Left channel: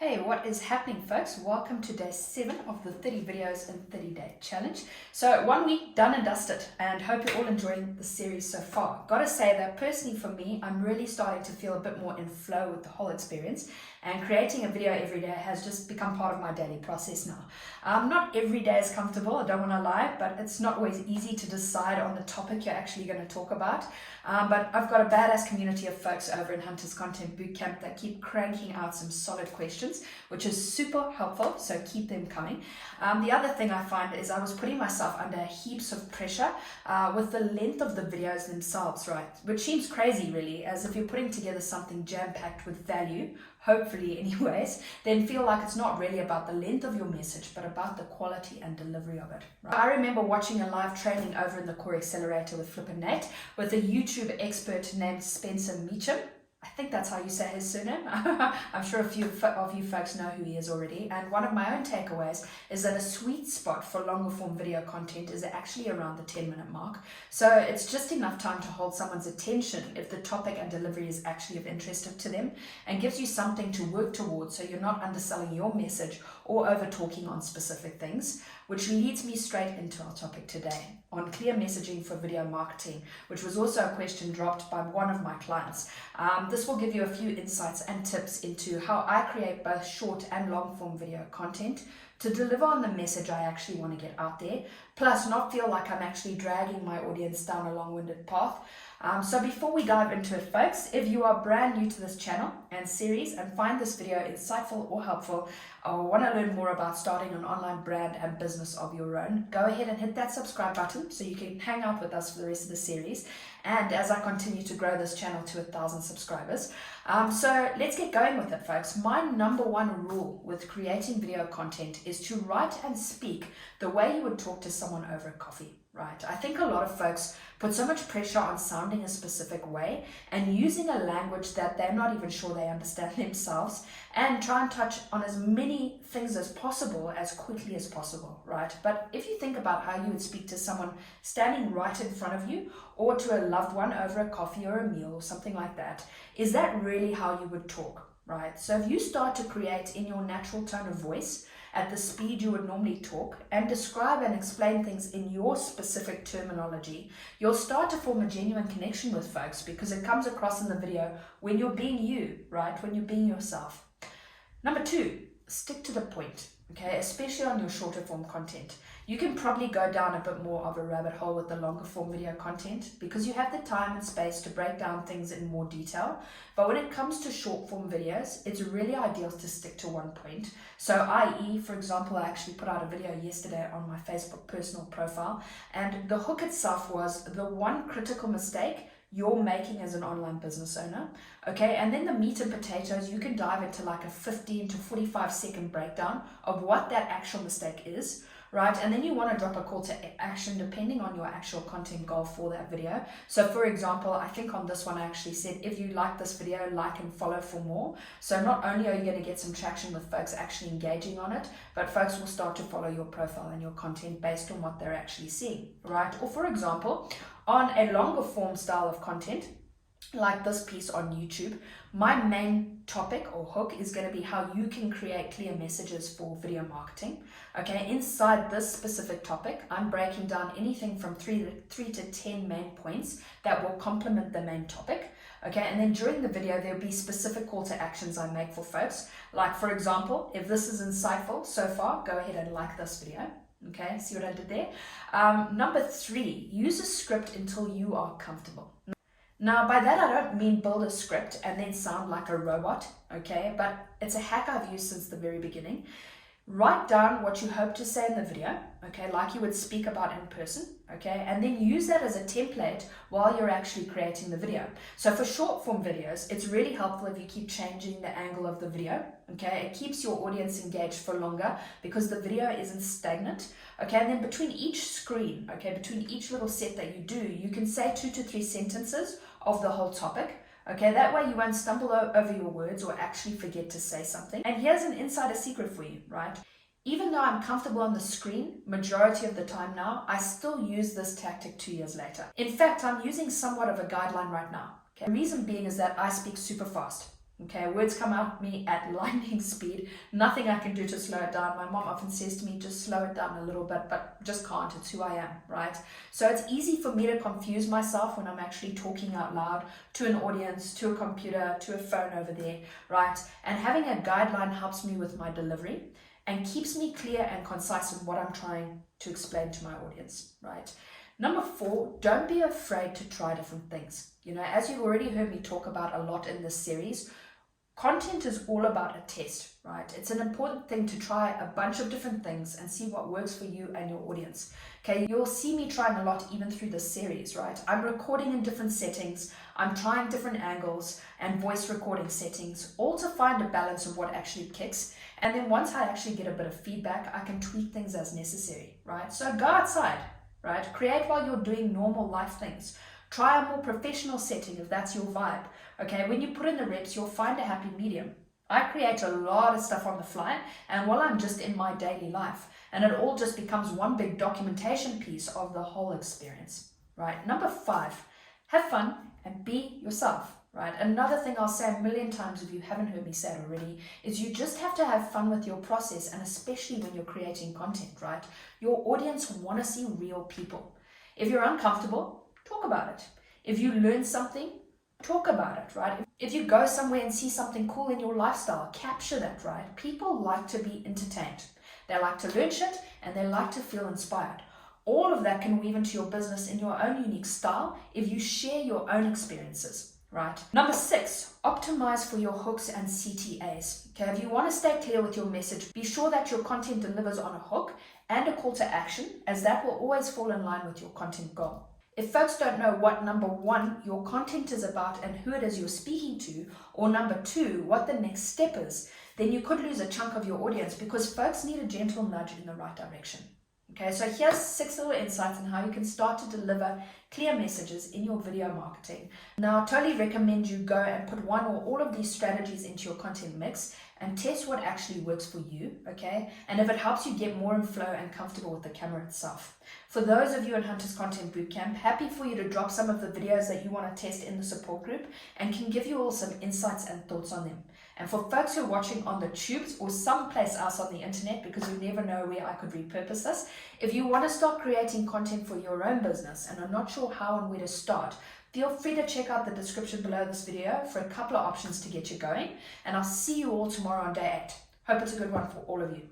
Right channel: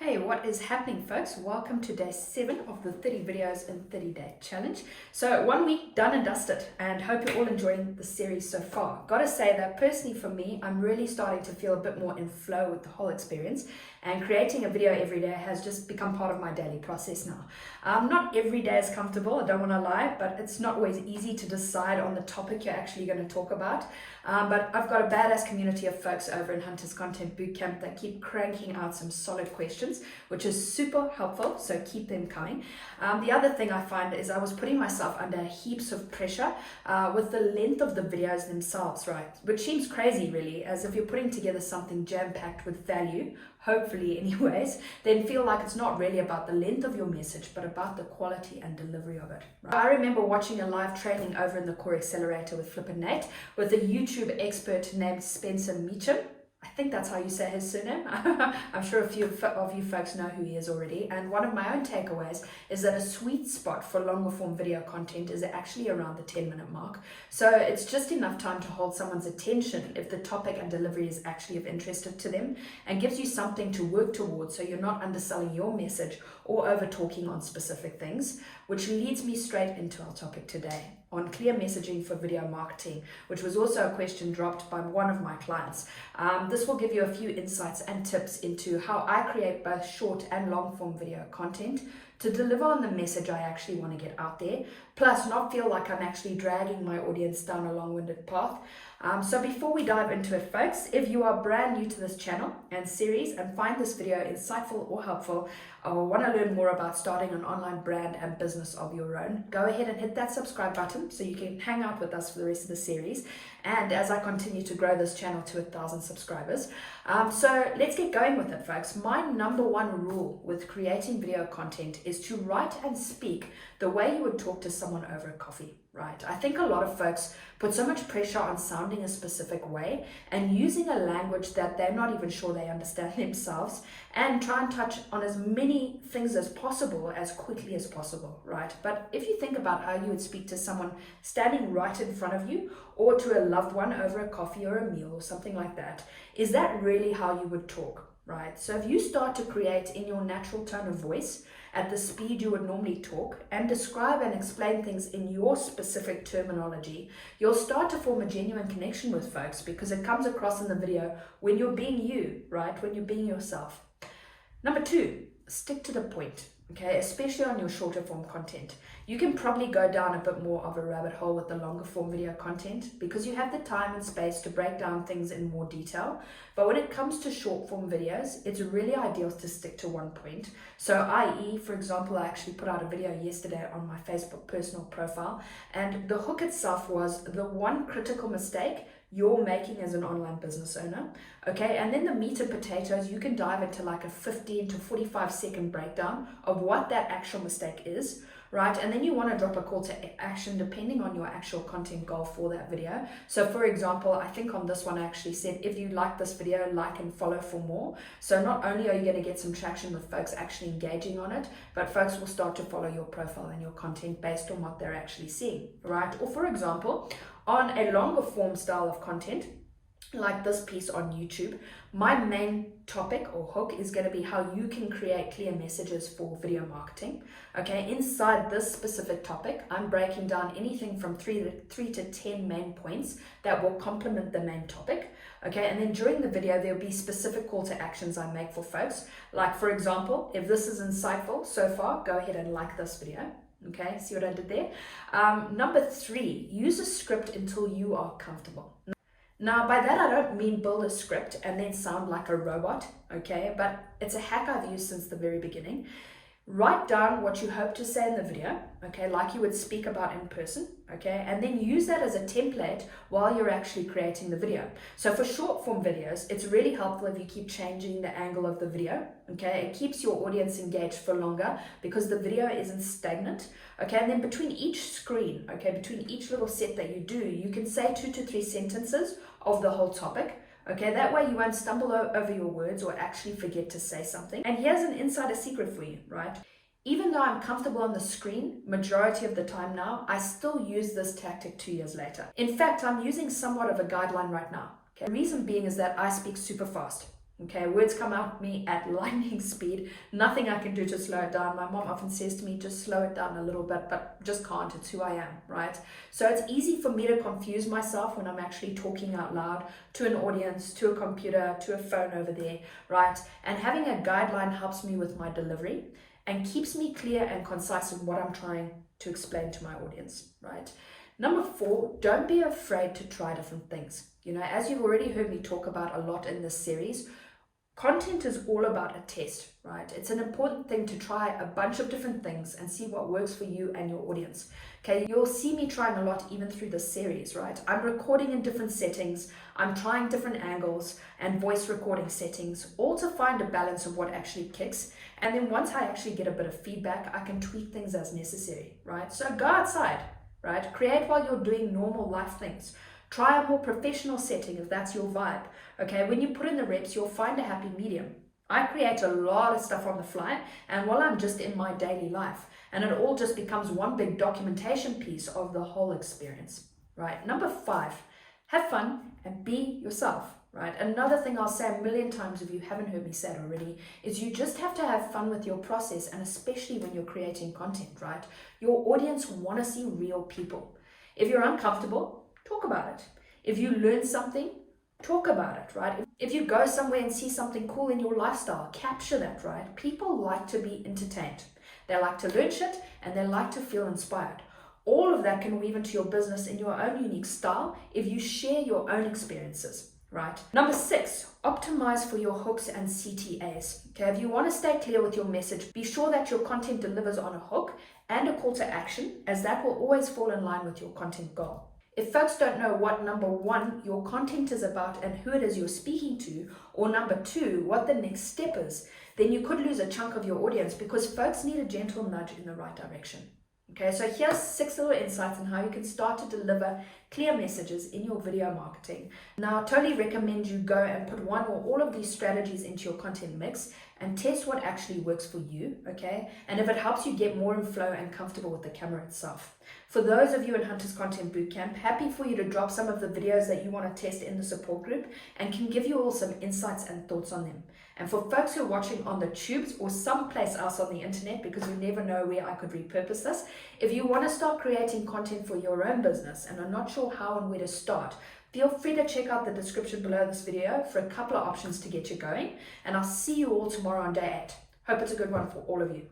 Hey, what is happening, folks? Welcome to day 7 of the 30 videos in 30-day challenge. So 1 week done and dusted, and hope you're all enjoying the series so far. Gotta say that personally for me, I'm really starting to feel a bit more in flow with the whole experience, and creating a video every day has just become part of my daily process now. Not every day is comfortable, I don't want to lie, but it's not always easy to decide on the topic you're actually going to talk about. But I've got a badass community of folks over in Hunter's Content Bootcamp that keep cranking out some solid questions, which is super helpful, so keep them coming. The other thing I find is I was putting myself under heaps of pressure with the length of the videos themselves, right? Which seems crazy really, as if you're putting together something jam-packed with value, hopefully anyways, then feel like it's not really about the length of your message, but about the quality and delivery of it. Right? I remember watching a live training over in the Core Accelerator with Flippin' Nate with a YouTube expert named Spencer Meacham. I think that's how you say his surname. I'm sure a few of you folks know who he is already. And one of my own takeaways is that a sweet spot for longer form video content is actually around the 10-minute mark. So it's just enough time to hold someone's attention if the topic and delivery is actually of interest to them, and gives you something to work towards so you're not underselling your message or over talking on specific things, which leads me straight into our topic today on clear messaging for video marketing, which was also a question dropped by one of my clients. This will give you a few insights and tips into how I create both short and long form video content to deliver on the message I actually want to get out there, plus not feel like I'm actually dragging my audience down a long-winded path. So before we dive into it, folks, if you are brand new to this channel and series and find this video insightful or helpful, or want to learn more about starting an online brand and business of your own, go ahead and hit that subscribe button so you can hang out with us for the rest of the series, and as I continue to grow this channel to 1,000 subscribers. So let's get going with it, folks. My number one rule with creating video content is to write and speak the way you would talk to someone over a coffee. Right. I think a lot of folks put so much pressure on sounding a specific way and using a language that they're not even sure they understand themselves, and try and touch on as many things as possible as quickly as possible, right? But if you think about how you would speak to someone standing right in front of you, or to a loved one over a coffee or a meal or something like that, is that really how you would talk, right? So if you start to create in your natural tone of voice, at the speed you would normally talk, and describe and explain things in your specific terminology, you'll start to form a genuine connection with folks, because it comes across in the video when you're being you, right? When you're being yourself. Number 2, stick to the point, okay? Especially on your shorter form content. You can probably go down a bit more of a rabbit hole with the longer form video content because you have the time and space to break down things in more detail. But when it comes to short form videos, it's really ideal to stick to one point. So i.e., for example, I actually put out a video yesterday on my Facebook personal profile, and the hook itself was the one critical mistake you're making as an online business owner, okay? And then the meat and potatoes, you can dive into like a 15 to 45 second breakdown of what that actual mistake is, right? And then you want to drop a call to action depending on your actual content goal for that video. So for example, I think on this one I actually said, if you like this video, like and follow for more. So not only are you going to get some traction with folks actually engaging on it, but folks will start to follow your profile and your content based on what they're actually seeing, right? Or for example, on a longer form style of content, like this piece on YouTube, my main topic or hook is going to be how you can create clear messages for video marketing. Okay, inside this specific topic, I'm breaking down anything from 3 to 10 main points that will complement the main topic. Okay, and then during the video, there'll be specific call to actions I make for folks. Like for example, if this is insightful so far, go ahead and like this video. Okay, see what I did there? Number 3, use a script until you are comfortable. Now, by that, I don't mean build a script and then sound like a robot, okay? But it's a hack I've used since the very beginning. Write down what you hope to say in the video, okay, like you would speak about in person, okay? And then use that as a template while you're actually creating the video. So for short form videos, it's really helpful if you keep changing the angle of the video, okay? It keeps your audience engaged for longer because the video isn't stagnant, okay? And then between each screen, okay, between each little set that you do, you can say 2 to 3 sentences of the whole topic. Okay, that way you won't stumble over your words or actually forget to say something. And here's an insider secret for you, right? Even though I'm comfortable on the screen majority of the time now, I still use this tactic 2 years later. In fact, I'm using somewhat of a guideline right now. Okay? The reason being is that I speak super fast. Okay, words come out me at lightning speed. Nothing I can do to slow it down. My mom often says to me, just slow it down a little bit, but just can't. It's who I am, right? So it's easy for me to confuse myself when I'm actually talking out loud to an audience, to a computer, to a phone over there, right? And having a guideline helps me with my delivery and keeps me clear and concise in what I'm trying to explain to my audience, right? Number 4, don't be afraid to try different things. You know, as you've already heard me talk about a lot in this series, content is all about a test, right? It's an important thing to try a bunch of different things and see what works for you and your audience. Okay, you'll see me trying a lot even through this series, right? I'm recording in different settings, I'm trying different angles and voice recording settings, all to find a balance of what actually kicks. And then once I actually get a bit of feedback, I can tweak things as necessary, right? So go outside, right? Create while you're doing normal life things. Try a more professional setting if that's your vibe. Okay, when you put in the reps, you'll find a happy medium. I create a lot of stuff on the fly, and while I'm just in my daily life, and it all just becomes one big documentation piece of the whole experience, right? Number 5, have fun and be yourself, right? Another thing I'll say a million times if you haven't heard me say it already is you just have to have fun with your process, and especially when you're creating content, right? Your audience want to see real people. If you're uncomfortable, talk about it. If you learn something, talk about it, right? If you go somewhere and see something cool in your lifestyle, capture that, right? People like to be entertained. They like to learn shit and they like to feel inspired. All of that can weave into your business in your own unique style if you share your own experiences, right? Number 6, optimize for your hooks and CTAs. Okay, if you want to stay clear with your message, be sure that your content delivers on a hook and a call to action, as that will always fall in line with your content goal. If folks don't know what, number 1, your content is about and who it is you're speaking to, or number 2, what the next step is, then you could lose a chunk of your audience because folks need a gentle nudge in the right direction. Okay, so here's 6 little insights on how you can start to deliver clear messages in your video marketing. Now, I totally recommend you go and put one or all of these strategies into your content mix and test what actually works for you, okay? And if it helps you get more in flow and comfortable with the camera itself. For those of you in Hunter's Content Bootcamp, happy for you to drop some of the videos that you want to test in the support group and can give you all some insights and thoughts on them. And for folks who are watching on the tubes or someplace else on the internet, because you never know where I could repurpose this, if you want to start creating content for your own business and are not sure how and where to start, feel free to check out the description below this video for a couple of options to get you going. And I'll see you all tomorrow on day 8. Hope it's a good one for all of you.